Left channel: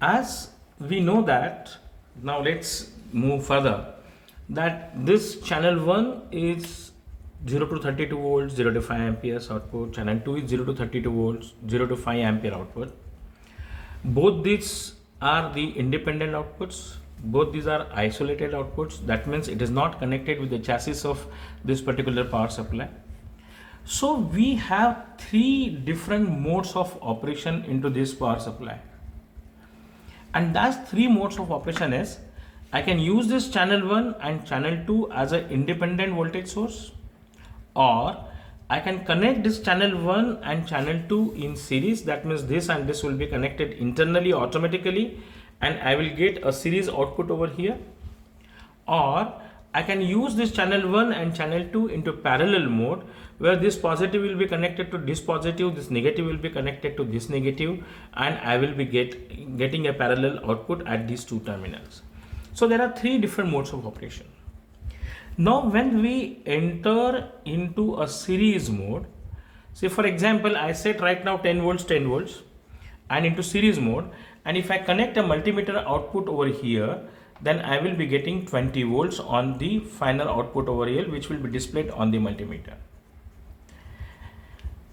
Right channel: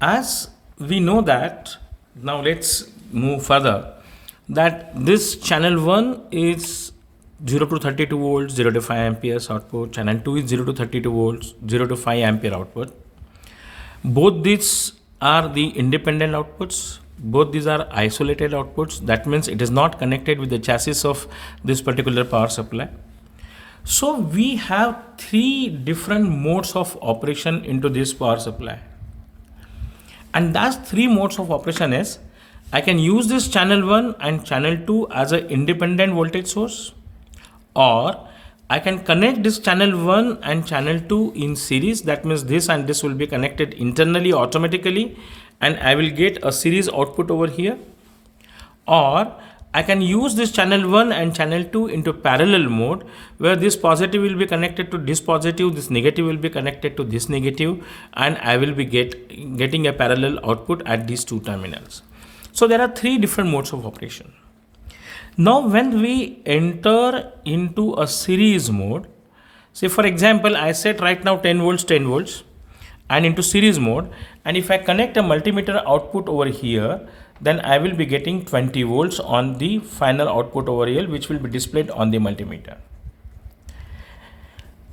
As we know that, now let's move further, that this channel 1 is 0 to 32 volts, 0 to 5 amperes output, channel 2 is 0 to 32 volts, 0 to 5 ampere output. Both these are the independent outputs. Both these are isolated outputs. That means it is not connected with the chassis of this particular power supply. So we have three different modes of operation into this power supply. And that three modes of operation is, I can use this channel 1 and channel 2 as an independent voltage source, or I can connect this channel 1 and channel 2 in series. That means this and this will be connected internally automatically, and I will get a series output over here. Or I can use this channel 1 and channel 2 into parallel mode, where this positive will be connected to this positive, this negative will be connected to this negative, and I will be getting a parallel output at these two terminals. So there are three different modes of operation. Now when we enter into a series mode, say for example, I set right now 10 volts, and into series mode, and if I connect a multimeter output over here, then I will be getting 20 volts on the final output over here, which will be displayed on the multimeter.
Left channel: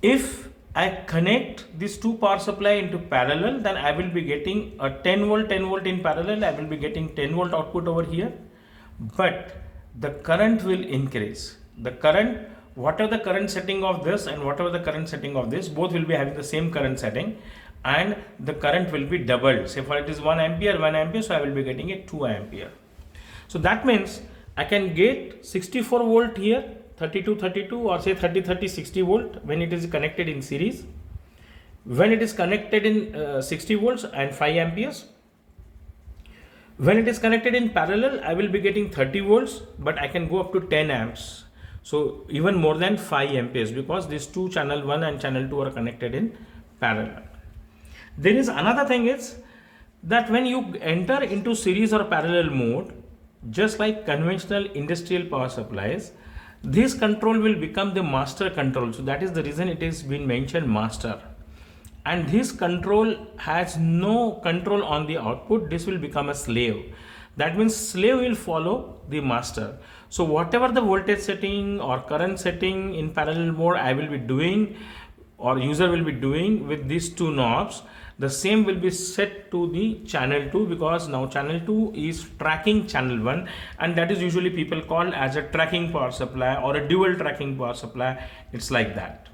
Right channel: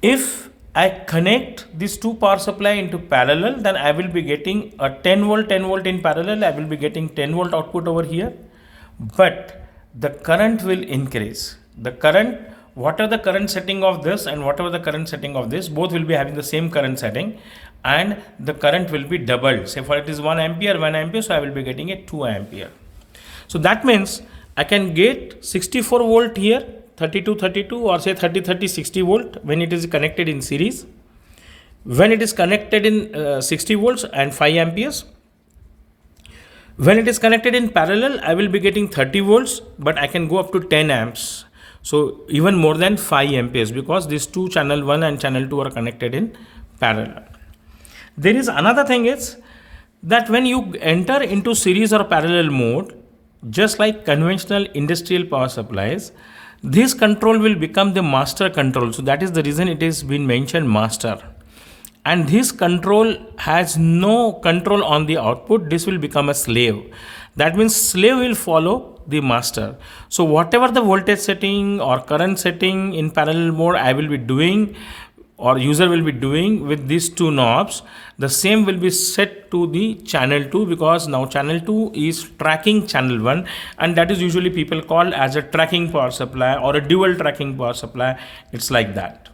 If I connect these two power supply into parallel, then I will be getting a 10 volt in parallel. I will be getting 10 volt output over here, but the current will increase. The current, whatever the current setting of this and whatever the current setting of this, both will be having the same current setting, and the current will be doubled. Say for it is 1 ampere, so I will be getting a 2 ampere. So that means I can get 64 volt here, 32, or say 30, 60 volt when it is connected in series. When it is connected in 60 volts and 5 amperes. When it is connected in parallel, I will be getting 30 volts, but I can go up to 10 amps. So even more than 5 amperes, because these two channel 1 and channel 2 are connected in parallel. There is another thing is that when you enter into series or parallel mode, just like conventional industrial power supplies, this control will become the master control. So that is the reason it has been mentioned master. And this control has no control on the output. This will become a slave. That means slave will follow the master. So whatever the voltage setting or current setting in parallel mode I will be doing, or user will be doing with these two knobs, the same will be set to the channel 2, because now channel 2 is tracking channel 1, and that is usually people call as a tracking power supply or a dual tracking power supply. It's like that.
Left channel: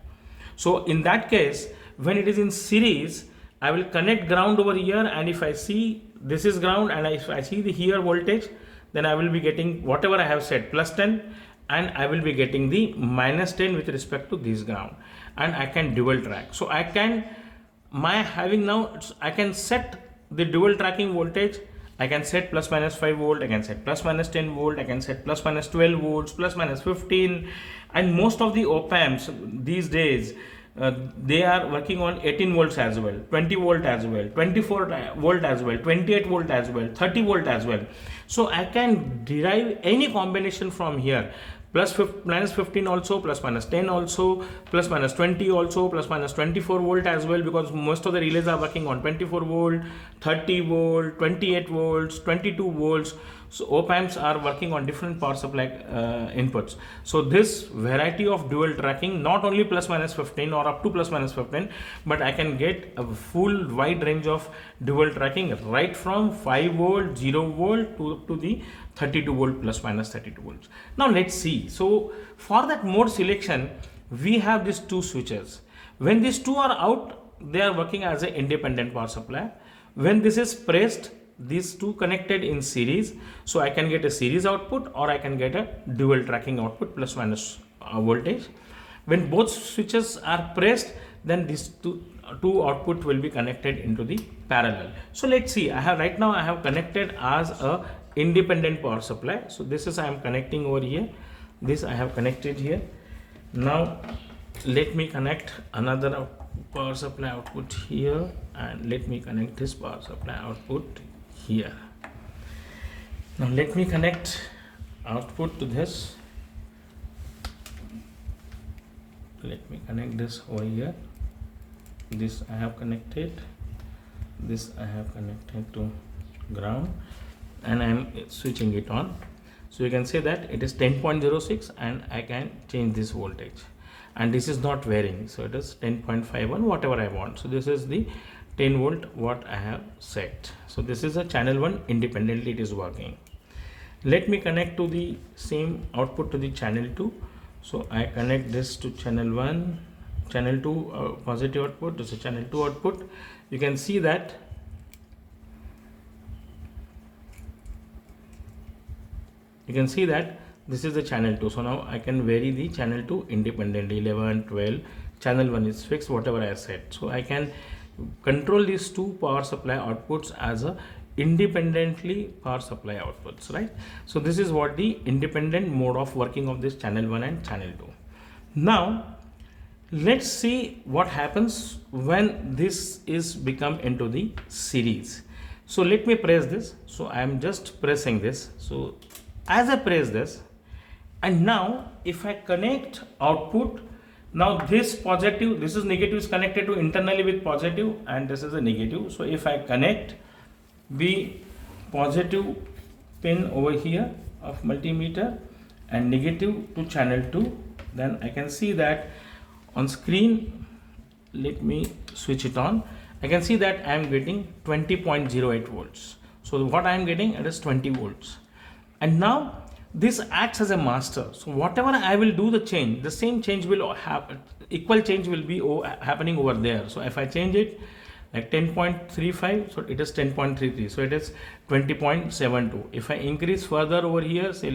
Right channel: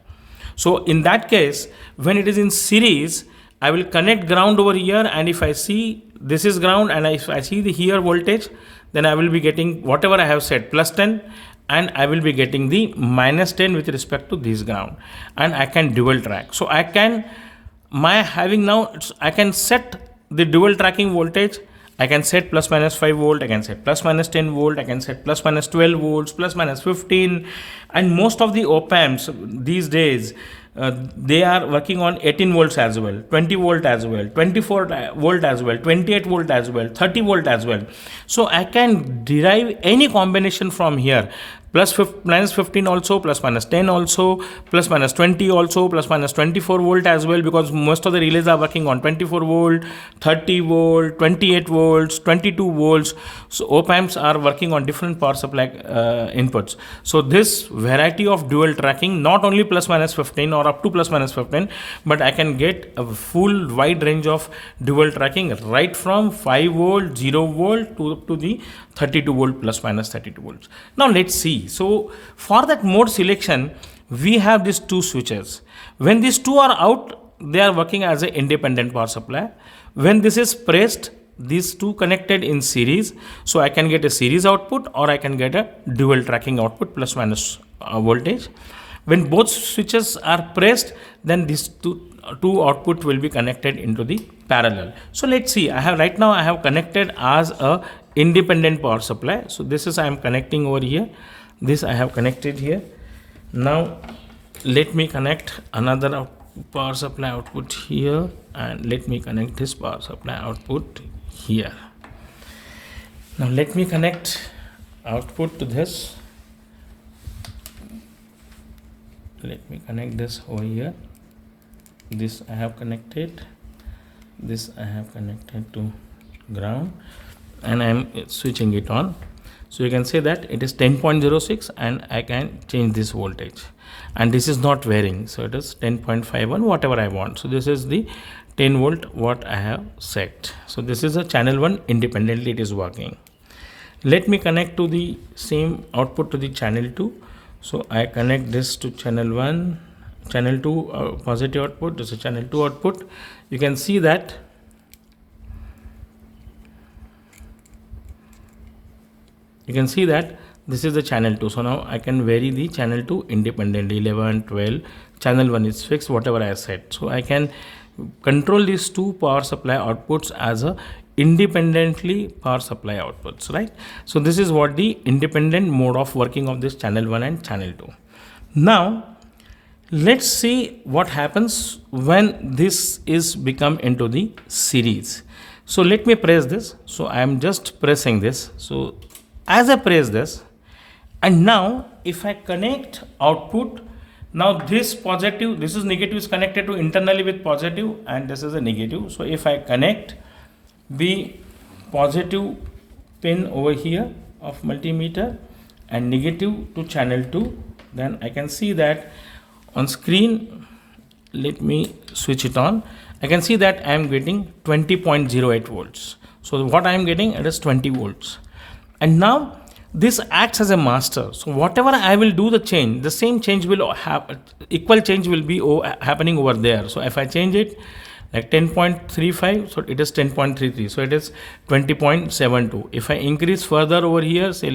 So in that case, when it is in series, I will connect ground over here, and if I see this is ground and if I see the here voltage, then I will be getting whatever I have set, plus 10, and I will be getting the minus 10 with respect to this ground, and I can dual track. So I can, I can set the dual tracking voltage. I can set plus minus 5 volt, I can set plus minus 10 volt, I can set plus minus 12 volts, plus minus 15, and most of the op-amps these days, they are working on 18 volts as well, 20 volt as well, 24 volt as well, 28 volt as well, 30 volt as well. So I can derive any combination from here, minus 15 also, plus minus 10 also, plus minus 20 also, plus minus 24 volt as well, because most of the relays are working on 24 volt, 30 volt, 28 volts, 22 volts. So op-amps are working on different power supply inputs. So this variety of dual tracking, not only plus minus 15 or up to plus minus 15, but I can get a full wide range of dual tracking, right from 5 volt, 0 volt to up to the 32 volt plus minus 32 volts. Now let's see. So for that mode selection, we have these two switches. When these two are out, they are working as an independent power supply. When this is pressed, these two connected in series, so I can get a series output or I can get a dual tracking output plus minus voltage. When both switches are pressed, then these two output will be connected into the parallel. So let's see, I have connected as a independent power supply. So this is I am connecting over here. This I have connected here. Now let me connect another power supply output here, and let me connect this power supply output here. Now let me connect output to this. Let me connect this over here. This I have connected. this I have connected to ground and I am switching it on. So you can say that it is 10.06 and I can change this voltage, and this is not varying, so it is 10.51, whatever I want. So this is the 10 volt what I have set. So this is a channel 1, independently it is working. Let me connect to the same output to the channel 2. So I connect this to channel 1, channel 2 positive output, this is channel 2 output. You can see that this is the channel 2. So now I can vary the channel 2 independently, 11, 12, channel 1 is fixed, whatever I set. So I can control these two power supply outputs as a independently power supply outputs, right? So this is what the independent mode of working of this channel 1 and channel 2. Now let's see what happens when this is become into the series. So let me press this. So I am just pressing this. So as I press this, and now if I connect output, now this positive, this is negative, is connected to internally with positive, and this is a negative. So if I connect the positive pin over here of multimeter and negative to channel 2, then I can see that on screen. Let me switch it on. I can see that I am getting 20.08 volts. So what I am getting, it is 20 volts. And now this acts as a master. So whatever I will do the change, the same change will have, equal change will be happening over there. So if I change it like 10.35, so it is 10.33, so it is 20.72. If I increase further over here, say